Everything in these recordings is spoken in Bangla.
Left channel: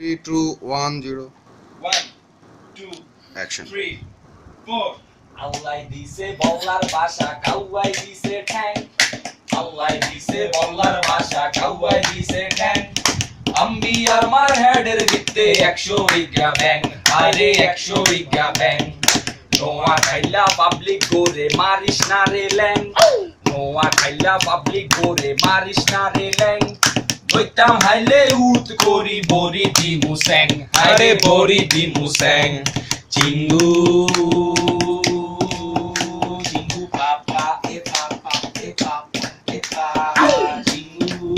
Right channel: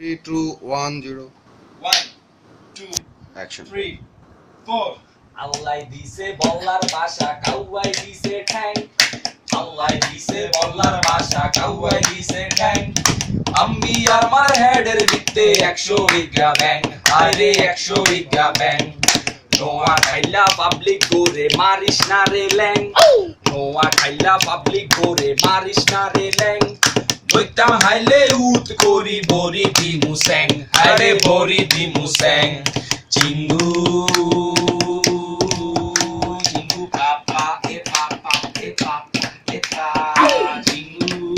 3, 2, 1, 0. 1, 2, Action. 3, 4. আল্লাহ দিছে বল্লার ভাষা কাউয়াই দিছে ঠ্যাং আল্লাহ দিছে বল্লার ভাষা কাউয়াই দিছে ঠ্যাং আমি আর মার হেডের ভিত্তে 100 বিঘা ব্যাং আরে 100 বিঘা ব্যাং নোয়া খাইলা পাবলিক গোরে মারিস না রে ল্যাং নোয়া খাইলা পাবলিক গোরে মারিস না রে ল্যাং বইতাম হাইলে উত করি বরি দি মুসেং আরে বরি দি মুসেং চিঙ্গু চিঙ্গু পাপা এ পাপা এ পাপা এ পা চিঙ্গু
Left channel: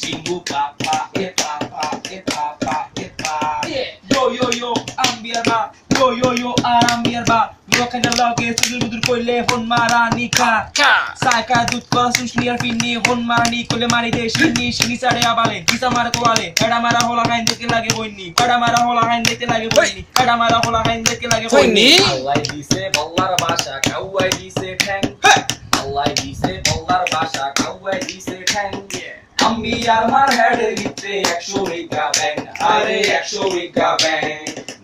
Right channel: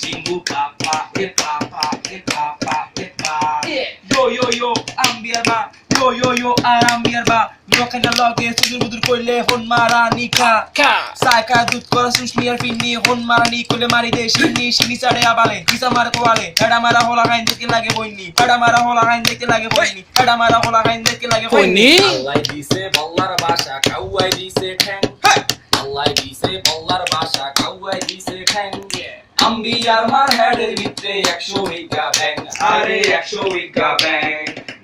চিঙ্গু পাপা এ পাপা এ পাপা এ পা yo ambiarba yo ambiarba roken da lage sudur budur koile hon marani ka saika dut kora susmiar finni hon marani koile mari de shini sade abale kisa mar ko ale kada mara hola kain deke lage boini kada mara hola kain deke lage boini kada mara hola kain deke lage boini allah dise bollar basha kawai dise thang allah dise bollar basha kawai dise thang আমি আর মার হেডের ভিতরে 100 বিঘা ব্যাং আরে 100 বিঘা ব্যাং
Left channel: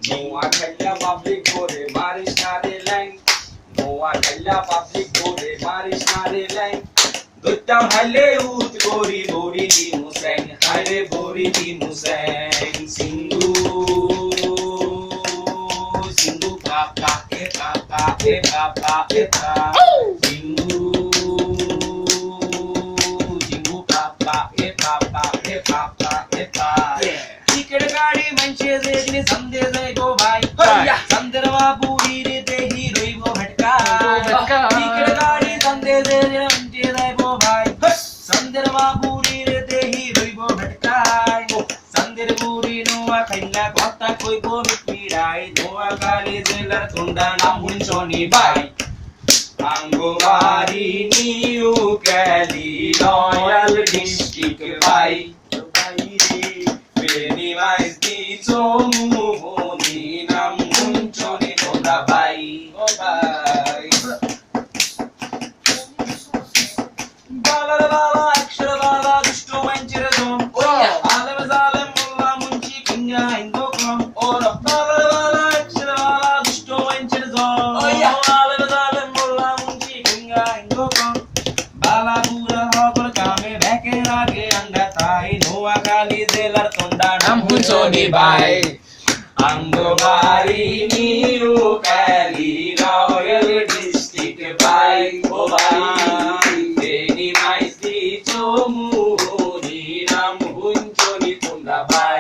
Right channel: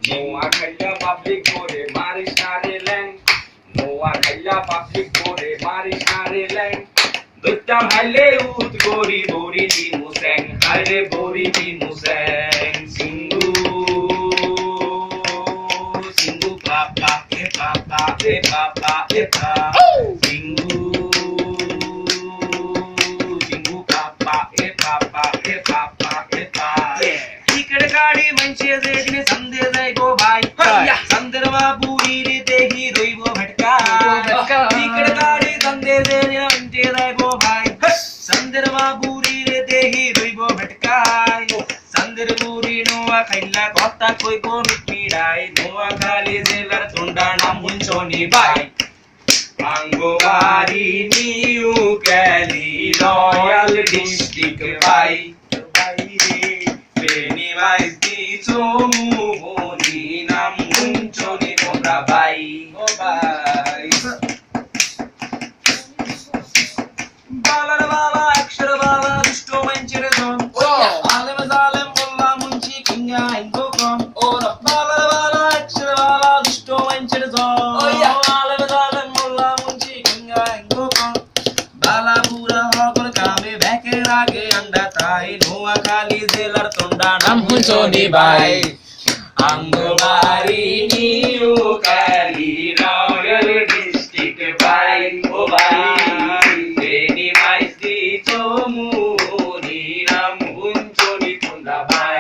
নোয়া খাইলা পাবলিক করে মারিস না রে ল্যাং নোয়া খাইলা পাবলিক করে মারিস না রে ল্যাং দইতাম হাইলে উত করি বরি দি মুসেং হাইরে বরি দি মুসেং সিঙ্গু সিঙ্গু পাপা এ পাপা এ পাপা এ পা সিঙ্গু गाड़ी मंचे से दिन संदे जाय गो भाई संदर बाबूरी रे देही रोइबो भटका टिकट गाड़ी संदे से दिन मंचे जाय गो भाई संदर बाबूरी रे देही रोइबो भटका संदर बुरी नोआ खैला कथा कइबो मिठीडाई नोआ खाली जेलर तुंडा नाम हुंचोनी भाई आंगोबारी निउ कैली रॉयल डिस्ट्रिक्ट भाई mais di tomu ni nam munchoni kobra bai o bai balar bala akshar bala dushto manchir zon alam zalim bolla munchi kinga ingo kom or balar bala akshar bala dushto manchir zon alam zalim bolla munchi kinga ingo kom bala pura hokor kame beke rage anda tai noa khali zelar tonda nam hunchoni bai angobari niu kali royal district bai o bai eni mais di tomu ni nam hunchoni tonda bai